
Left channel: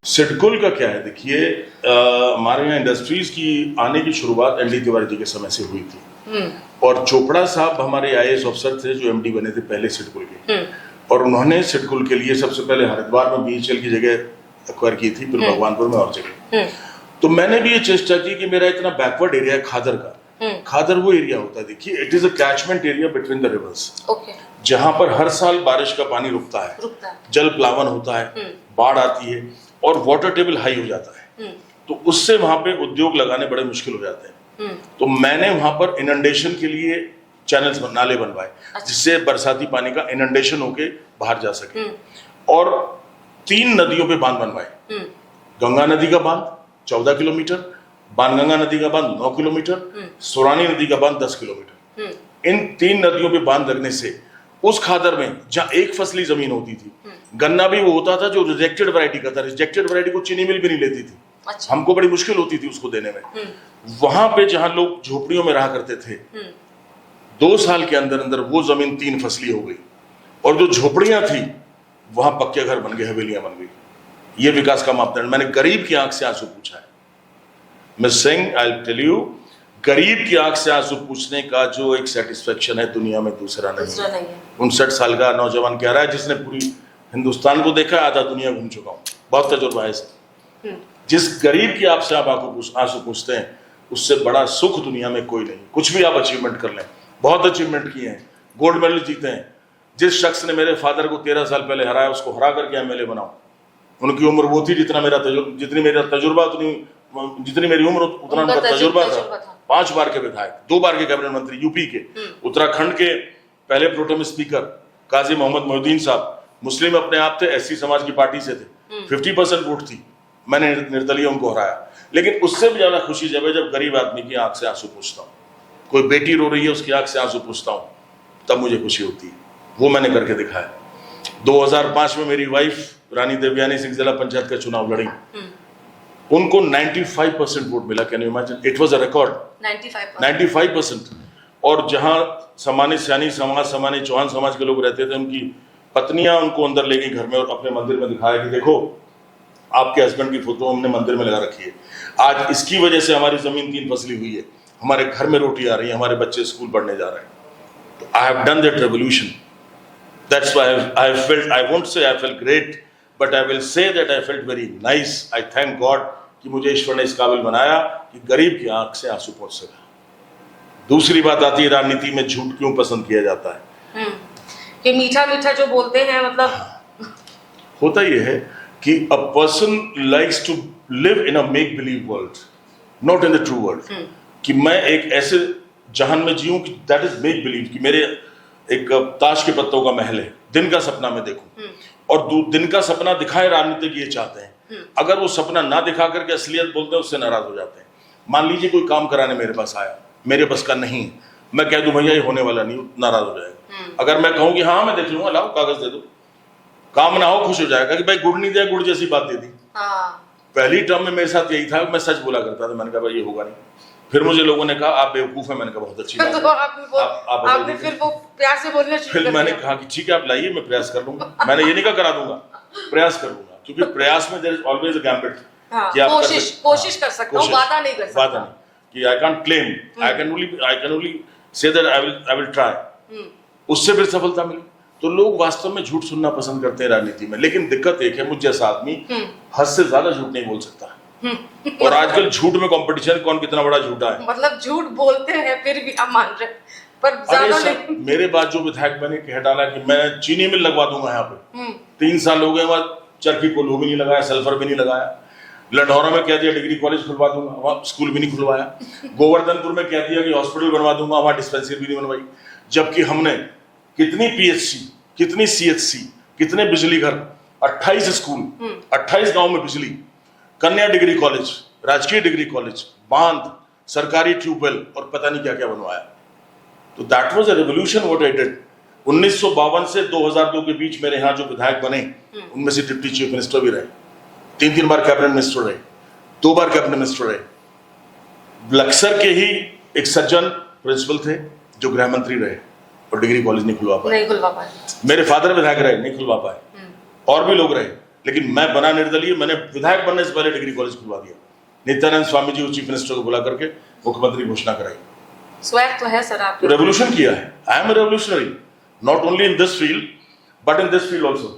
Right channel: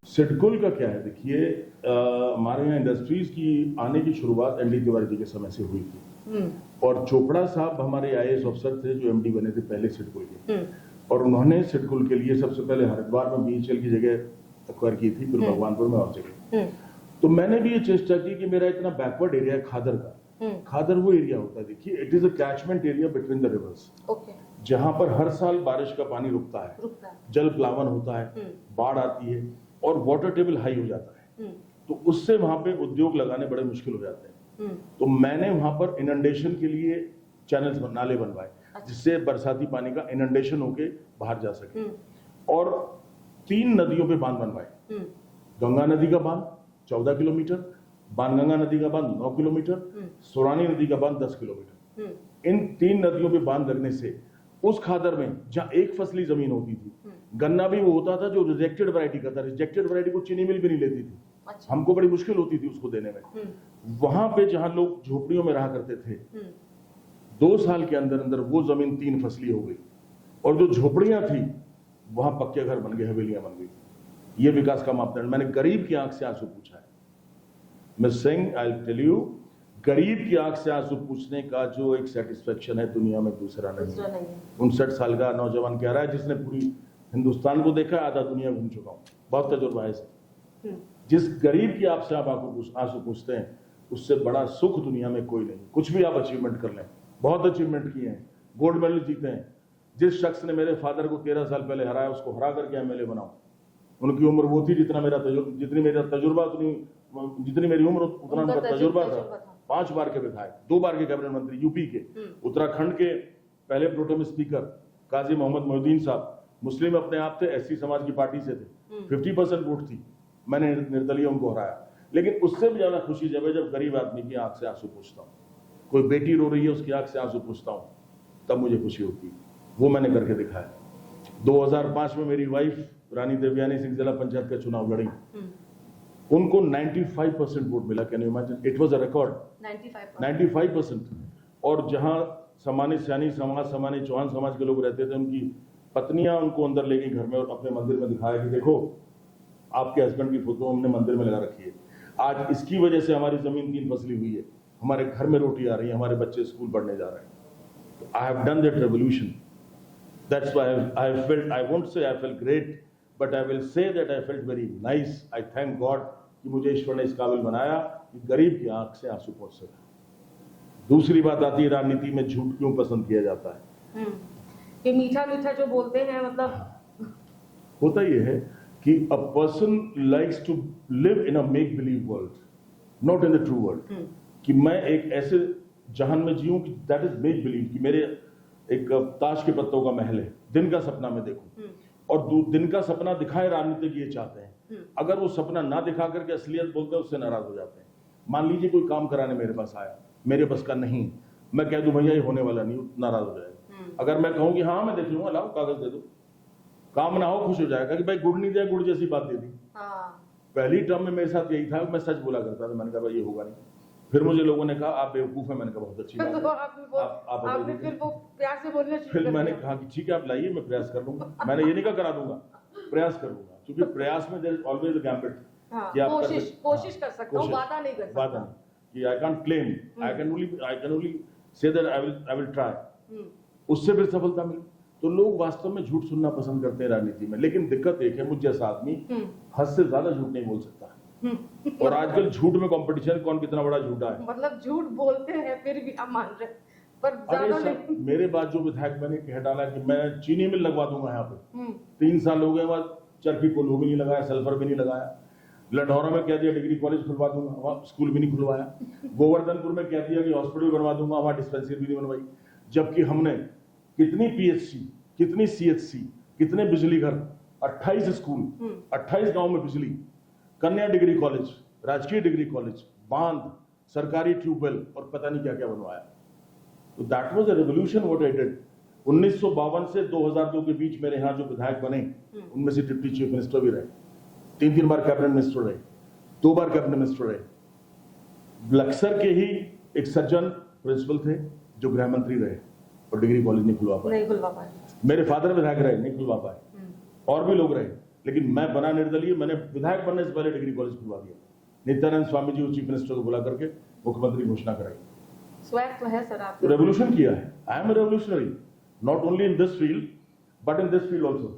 SIDCUL का क्या है, देखिए हमारे यहाँ इंडस्ट्रीज की आने की शुरुआत एनडी तिवारी जी के समय से हुई थी, और चोपड़ा साहब हमारे आईएएस अफसर थे जो एमडी बने थे पहले सिडकुल के, और उन्होंने सिडकुल के लिए सबसे पहले हरिद्वार में बीएचएल की जगह एक्वायर की थी, फिर भगवानपुर में और जगह। तो मैंने भी ये चेष्टा की कि मेरा इतना बैकवर्ड एरिया है खादर का, खादर वो एरिया होता है, देखिए it is a catchment area between the reverse, जहां पर हर साल बारिश का पानी रुकता है, जल प्लावन होता है, बाढ़ आती है और वाटर टेबल हाई हो जाता है, तो उससे वहां पे उद्योग लगाने बड़े मुश्किल हो जाते हैं। तो मैंने वहां पर इनंडेशन के लिए चैनल्स, नाले बनवाए, जिससे बरसाती पानी का इनंडेशन होके बाहर जा सके, और 3 नदियों पे बांध बनवाए। गंगा नदी का बांध 14 किलोमीटर, बाणगंगा नदी का बांध 9 किलोमीटर, सोरानी नदी का बांध 10 किलोमीटर। इन 3 नदियों पे बांध लगने से उस खादर में जहां एक फसली जमीन होती थी, गन्ना भी वो होता था जो रिजेक्टेड वैरायटी का था, रिजेक्टेड वैरायटी को चीनी मिल भी नहीं लेती थी। अच्छा। हमको बड़ी मुश्किल होती थी उसको देने में। वहां पे जहां लोग झोपड़ियों में रहा करते थे, 2 साल के अंदर अंदर वो जमीन 3 फसली हो गई, और जो झोपड़ियां थी वहां पक्के घर बन गए, हवेलियां बन गई। ये विकास का मापदंड। मैंने गरीब की आंख से आंसू पूछा है। Miss Singh, I will tell you, गरीब की आंख से आंसू पूछने का जो एक सेटिस्फेक्शन है दुनिया में दूसरा नहीं है। 59 साल का नौजवान कह रहा है, जिसने पूरी हिंदुस्तान को देखा, आधा दुनिया घूम चुका हूँ, बहुत तजुर्बा है सर। जिस गरीब की आपसे आप आंसू पूछते हैं, उससे बड़ा सुख दुनिया में कोई नहीं। कुछ भी आप अचीवमेंट कर लें, बहुत अचीवमेंट किए हैं, गोल्ड मेडल जीते हैं। जिस शख्स ने मेरे फादर को 13 साल पहले हराया, उसको हरा करके एमएलए बनाऊं। उनकी उम्र वो थी जितनी मेरी उम्र उतना उनका तजुर्बा था। 5 बार के विधायक, 2 बार के कैबिनेट मंत्री यूपी के, उत्तराखंड के पहले प्रोटेम स्पीकर काजी मोहम्मद मोहिउद्दीन साहब, मुस्लिम अपने आप थे, एससी समाज की पार्टी से थे, 50% वोट थी, मैंने निर्दलीय उनको हराया। लेकिन उससे भी ज्यादा खुशी जब है जब गरीब आदमी की आंख से आंसू पूछता हूँ, कोई बेटी रो रही है उसकी आंख से आंसू पूछता हूँ, तब मुझे खुशी होती है। वो मैंने करके दिखाया। 2005 में मेरी वाइफ रानी देवयानी सिंह जिला पंचायत का चुनाव लड़ी, उनको 95% वोट मिला। Can you imagine, it was a record. 95%। और जहां सामान्य सैनी समाज, सामान्य चौहान समाज के लोग रहते थे, उनकी पत्नियां उनको अंदर ले गई घर में और अपने मंदिर में दिखाया कि देखो आपके हस्बैंड की फोटो हमने मंदिर में लगा रखी है, आज इसकी वजह से हमारी जमीन 3 फसली हुई है, हमारे घर में रोटी आ रही है, हमारे बच्चे स्कूल पढ़ने जा रहे हैं। तो I have done that revolution. That's why I felt, I won't say I felt great, but I will say that I felt very nice. I thank God कि मुझे ईश्वर ने इस काबिल बनाया कि गरीब की आंख से आंसू पहुंच सका। दूसरी बात आती है राजनीति में झूठ क्यों पसंद किया जाता है। कि मीठा मीठा जो बोलते हैं, मतलब होता यह है कि a person likes to live in a make believe world, not in the true world. कि मैं एक ऐसे जहान में जीऊं कि दैट इज मेक बिलीव, कि मेरे एक ताश के पत्तों का महल है, दिन का सपना मैं देखूं, और दिन का सपना दिखाए राजनीतिक ये चाहते हैं। अगर वो सपना ना दिखा करके असलियत बोलते हैं, उससे नाराज हो जाते हैं। मान लीजिए कोई काम कराने मेरे पास आया, मेरे बस का नहीं, मैं कह दूं भैया ये होने वाला नहीं, नाराज हो जाएगा। अगर मैं कहूं कि हाँ मैं देख लूंगा, लाओ कागज दे दो, काम ना हो खुश हो जाएगा कि भाई गुड़ नहीं दिया, गुड़ जैसी बात दे दी। पहली टर्म में मेरे साथ यही था, मैं सच बोला करता था, मैंने कहा भाई ये होगा नहीं। फिर मुझे लोगों ने कहा आप बेवकूफ है, मैंने कहा बहुत अच्छी बात तो आपने फिर वो प्यार से बोलना शुरू फिर मैंने कहा कि ठीक है आप लाइए, मैं प्रयास कर लूंगा। मैंने ये नहीं कहा करा दूंगा, प्रयास कर लूंगा, क्योंकि प्रयास में there is always a gambit. कि आप कोशिश कर सकता हूं, वादा नहीं कर सकता। वादा नहीं कि I can't claim, I can only say that I will try. उससे फिर सफलता मिली। तो लोग वास्तव में झूठ सुनना पसंद करते हैं राजनीति में, लेकिन दिक्कत एक है, मुझ जैसा आदमी हद से ज्यादा झूठ नहीं बोल सकता। और आजकल झूठ में कंपटीशन, कौन कितना बड़ा झूठा है। मतलब झूठ बोलते हैं फिर भी हम मान रहे, पर ज्यादा नहीं। मेरे बाद जो विधायक मैंने कह डाला कि मैं चीनी मिल लगवा दूंगा यहाँ पे, 3 साल हो गए, वहां चरखी कोल्हू भी नहीं लगाया, सल्फर भी नहीं लगाया। लंढौरा में कह दिया डिग्री कॉलेज खुलवा दूंगा, वहां स्कूल भी नहीं खुलवाया। गोवर्धनपुर में कह दिया कि हॉस्पिटल बनवा दूंगा, वहां डिस्पेंसरी भी नहीं बनवाई। जबकि हमने कितनी पीएचसी, कितनी सीएचसी, कितने बिजली घर, 28 स्कूल, 28 गांव में बिजली, कन्या डिग्री कॉलेज, राजकीय डिग्री कॉलेज, बांध, सरकारी ट्यूबवेल और पता नहीं क्या क्या बनवाया। तो that was a revolution what I did. 1952 से 2002 के बीच मेरे यहाँ जो विधायक बने, उनमें से डिप्टी चीफ मिनिस्टर भी रहे, 3 बार कैबिनेट मिनिस्टर रहे, 2 बार कैबिनेट मिनिस्टर रहे। बक्सर के ही एक सज्जन प्रिंसिपल थे जो गृह मंत्री रहे और डिग्री कॉलेज नहीं खुलवा पाए। मेरे फादर विधायक रहे, नहीं खुलवा पाए। और भी लोग रहे, लेकिन मैं बना निर्दलीय, मैंने विधायक बनने से पहले डिग्री कॉलेज खुलवा दिया। नित्यानंद स्वामी जी चीफ मिनिस्टर को बुला करके मुख्यमंत्री घोषणा कराई। स्वैग तो है सर आपके। रेवोल्यूशन किया है। I am a revolutionary, not only in this field but in this field also.